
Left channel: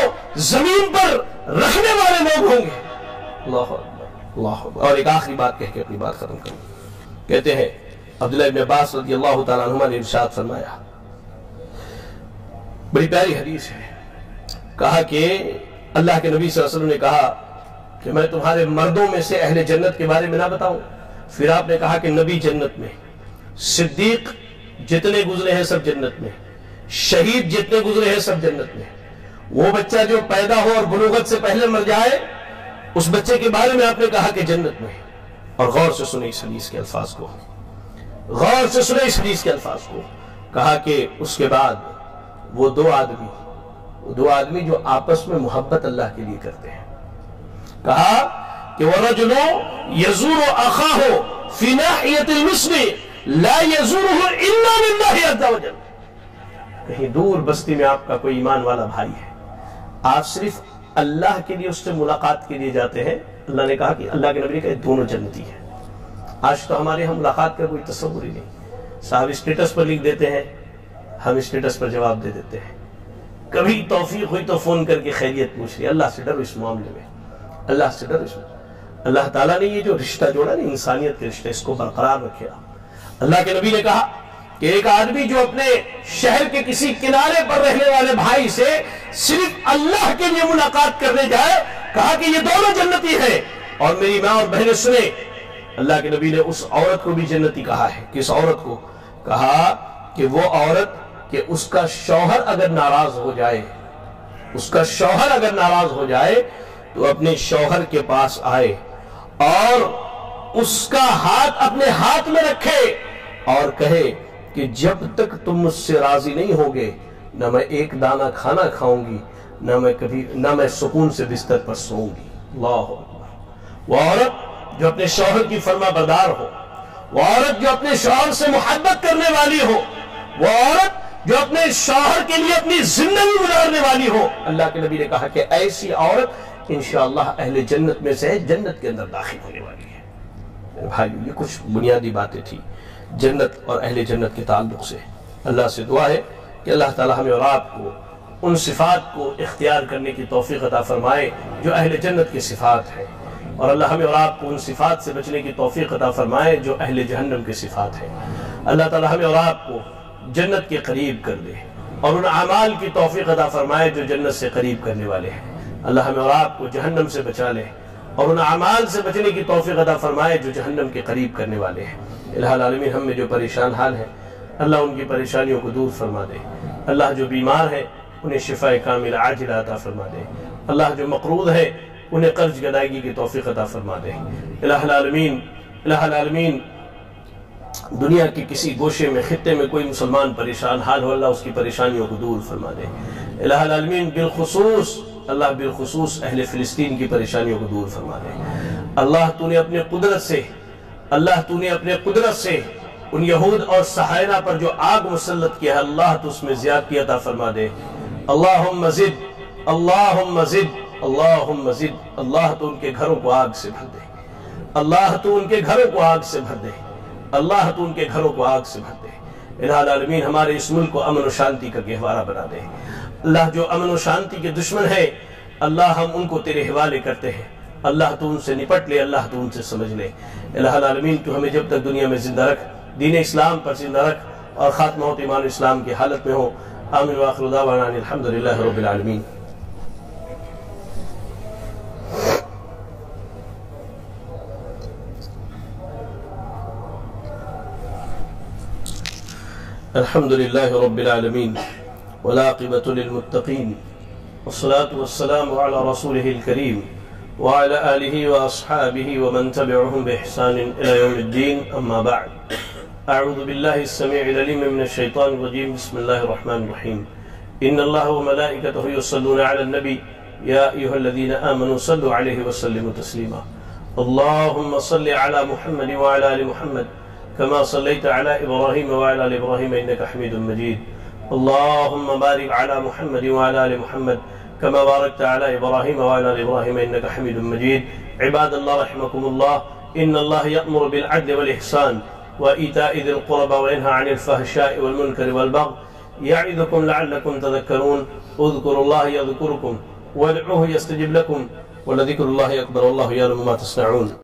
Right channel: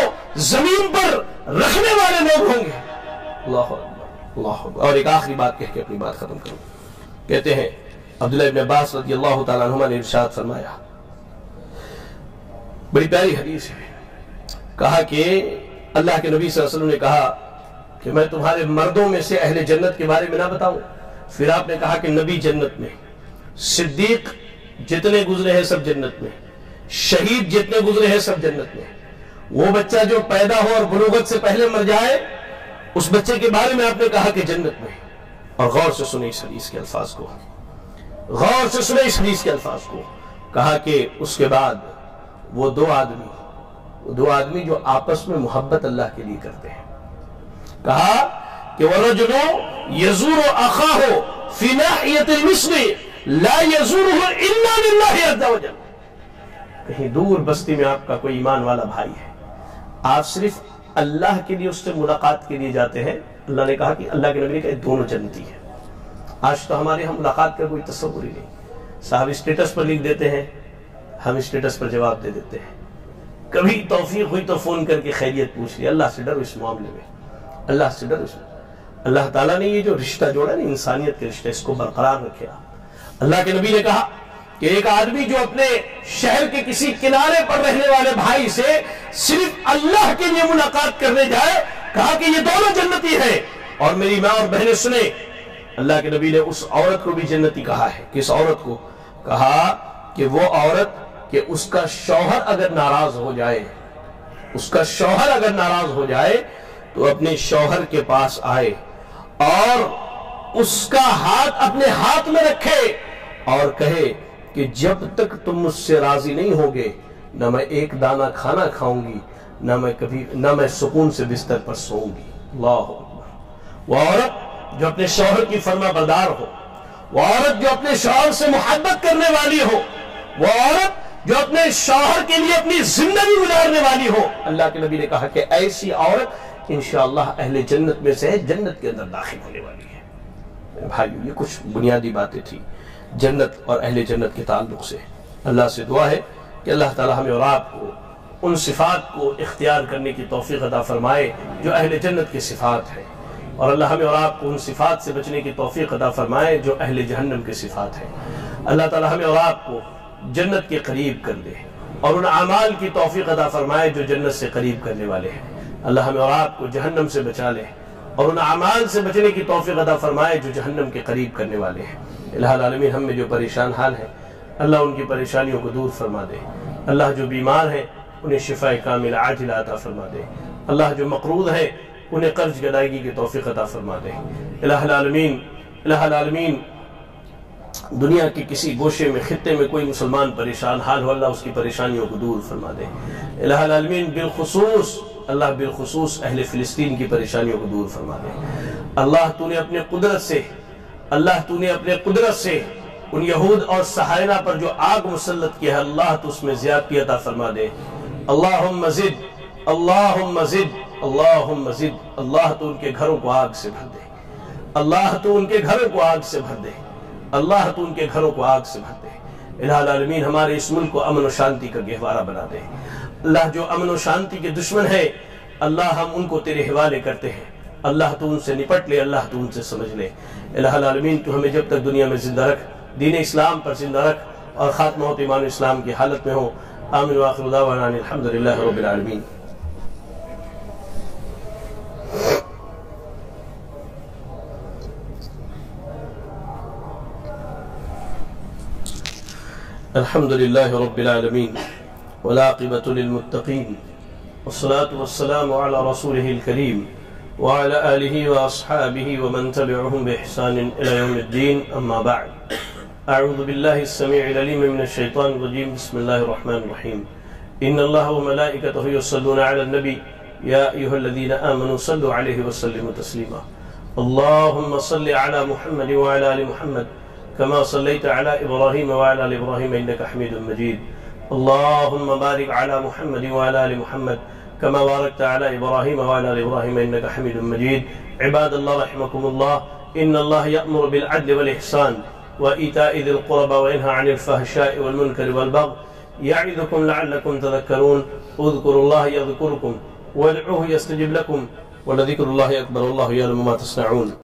زمین پر رکھنے والے لوگ ہوں گے۔ اللہ اکبر اللہ اکبر۔ اور ایک آخری بات کہہ کے اپنی بات ختم کروں۔ کہتے ہیں عبداللہ ابن عباس رضی اللہ تعالیٰ عنہما نے ارشاد فرمایا، بڑی پیاری حدیث ہے، کہا کہ اللہ کے نبی صلی اللہ علیہ وسلم نے کہا کہ میں تمہارے مردوں میں سے اہل جنت کے بارے میں نہ بتاؤں؟ پھر آپ نے کہا کہ نبی جنت میں، صدیق جتنے گزرے ہیں سب جنت میں، شہید جتنے گزرے ہیں سب جنت میں، وہ بچہ جو پیدا ہو اور بلوغت سے پہلے مر جائے اس بچے کے بارے میں آپ نے کہا کہ جنت میں۔ اور غور سے سنیں اس حدیث کے الفاظ کو، غور سے سنیں اس حدیث کے الفاظ کو، کہا کہ اس کے بعد وہ دو آدمی جو آپس میں محبت اللہ کے لیے کرتے ہیں، کہا کہ وَالرَّجُلُ يَزُورُ أَخَاهُ فِي نَاحِيَةِ الْمِصْرِ لَا يَزُورُهُ إِلَّا لِلَّهِ عَزَّ وَجَلَّ۔ کہیں دور بستی میں آپ کا کوئی ایمان والا بھائی ہے، آپ صرف اللہ کے لیے اس سے ملاقات کے لیے جاتے ہیں، اللہ نے کہا کہ اللہ کے نبی نے کہا دونوں جنتی ہیں۔ آج تو ہمارے ہم ملاقات کا کوئی تصور ہی نہیں، صاحب اسٹیٹس پر لکھ دیتے ہیں، ہم اسٹیٹس پر جواب دے دیتے ہیں، کبھی توفیق ہوئی تو فون کر کے خیریت پوچھ لی۔ اللہ سے ڈرو اس معاملے میں، اللہ سے ڈرو اس میں۔ اللہ تعالیٰ نے یہ جو رشتہ جوڑا نا انسانیت کے رشتہ، اس کو برقرار رکھے آپ۔ اللہ کے نبی نے کہا کہ ایک آدمی جو اپنے شہر کے کسی کنارے پر رہنے والے بھائی سے صرف اللہ کے لیے ملاقات کرنے جائے، کہا کہ یہ دونوں جنتی ہیں۔ اور میری ماں اور بہنیں سنیں، اللہ کے نبی نے اس عورت کو بھی جنتی کہا ہے۔ کس عورت کو؟ کہا کہ وہ عورت کہ اس کا شوہر اگر ناراض ہو جائے، اس کا شوہر اگر ناراض ہو جائے تو اپنے شوہر کے پاس آئے اور اس کا ہاتھ اپنے ہاتھ میں رکھے اور کہے کہ جب تک تم مجھ سے راضی نہیں ہوگے نہ میں ایک دانہ کھانا کھاؤں گی، نہ میں سکون سے بستر پر سوؤں گی۔ اللہ اکبر۔ وہ عورت جو اپنے شوہر کی فرما بردار ہو، وہ عورت جو اپنے شوہر سے محبت کرنے والی ہو، وہ عورت جو اپنے شوہر کے لیے اپنی زندگی گزارنے والی ہو، اللہ کے نبی نے کہا کہ ایسی عورت انشاءاللہ اہل جنت میں سے جنت کے اندر داخل ہونے والی ہے۔ میرے بھائیو، یہ کچھ بنیادی باتیں تھی جنت اور اہل جنت کے تعلق سے۔ اللہ سے دعا ہے کہ اللہ تعالی ہمیں اور آپ کو ان صفات کو اختیار کرنے کی توفیق عطا فرمائے جو اہل جنت کی صفات ہیں، اور اللہ ہمیں اور آپ کو ان صفات سے بچنے کی توفیق عطا فرمائے جو اہل جہنم کی صفات ہیں۔ اللہ تعالی ہمیں اور آپ کو جنت کے قریب کر دے اور ان اعمال کی توفیق عطا فرمائے جو جنت سے قریب کرنے والے ہیں۔ اللہ ہمیں اور آپ کو جہنم سے بچا لے اور ان اعمال سے بچنے کی توفیق عطا فرمائے جو جہنم کے قریب کرنے والے ہیں۔ الہ العالمین، ہم میں جو پریشان حال ہیں اللہ ان کی پریشانیوں کو دور فرما دے۔ اللہ جو بیمار ہیں انہیں شفاء کامل عاجلہ عطا فرما دے۔ اللہ جو مقروض ہیں انہیں قرض کی ادائیگی کی توفیق عطا فرما دے۔ الہ العالمین، دنیا کے کسی گوشے میں خطے میں کوئی مسلمان پریشان حال ہو اللہ اس کی پریشانیوں کو دور فرما دے۔ الہ العالمین، بالخصوص اہل فلسطین کی پریشانیوں کو دور فرما دے۔ اللہ تو نے اپنے قدرت سے ان یہود اور صہاینہ پر جو آگ مسلط کیا ہے اللہ تو اس میں زیادتی عطا فرما دے۔ اللہم زد، اللہم زد، اللہم زد۔ اللہ تو ان کے گھروں کو آگ سے بھر دے، اللہ تو ان کے گھروں کو آگ سے بھر دے، اللہ تو ان کے گھروں کو آگ سے بھر دے۔ الہ العالمین، ہمارے اس ملک کو امن و شانتی کا گہوارہ بنا دے۔ اللہ جو امن و شانتی کے دشمن ہے اللہ ہم ان کو تیرے حوالے کرتے ہیں، اللہ تو ان سے نپٹ لے، اللہ تو ان سے سمجھ لے۔ الہ العالمین، تو ہمیں جب تک دنیا میں زندہ رکھ، دین اسلام پر زندہ رکھ اور خاتمہ ایمان اسلام کی حالت میں ہو۔ آمین وآخر دعوانا الحمدللہ رب العالمین۔ الحمدللہ رب العالمین والعاقبۃ للمتقین والصلاة والسلام على رسوله الكريم وعلى آله وأصحابه ومن تبعهم بإحسان إلى يوم الدين أما بعد أعوذ بالله السميع العليم من الشيطان الرجيم بسم الله الرحمن الرحيم إن الله وملائكته يصلون على النبي يا أيها الذين آمنوا صلوا عليه وسلموا تسليما اللهم صل على محمد وعلى آل محمد كما صليت على إبراهيم وعلى آل إبراهيم إنك حميد مجيد اللهم بارك على محمد وعلى آل محمد كما باركت على إبراهيم وعلى آل إبراهيم إنك حميد مجيد عباد الله رحمكم الله إن الله يأمر بالعدل والإحسان وإيتاء ذي القربى وينهى عن الفحشاء والمنكر والبغي يعظكم لعلكم تذكرون اذكروا الله يذكركم وادعوه يستجب لكم ولذكر الله أكبر والله يعلم ما تصنعون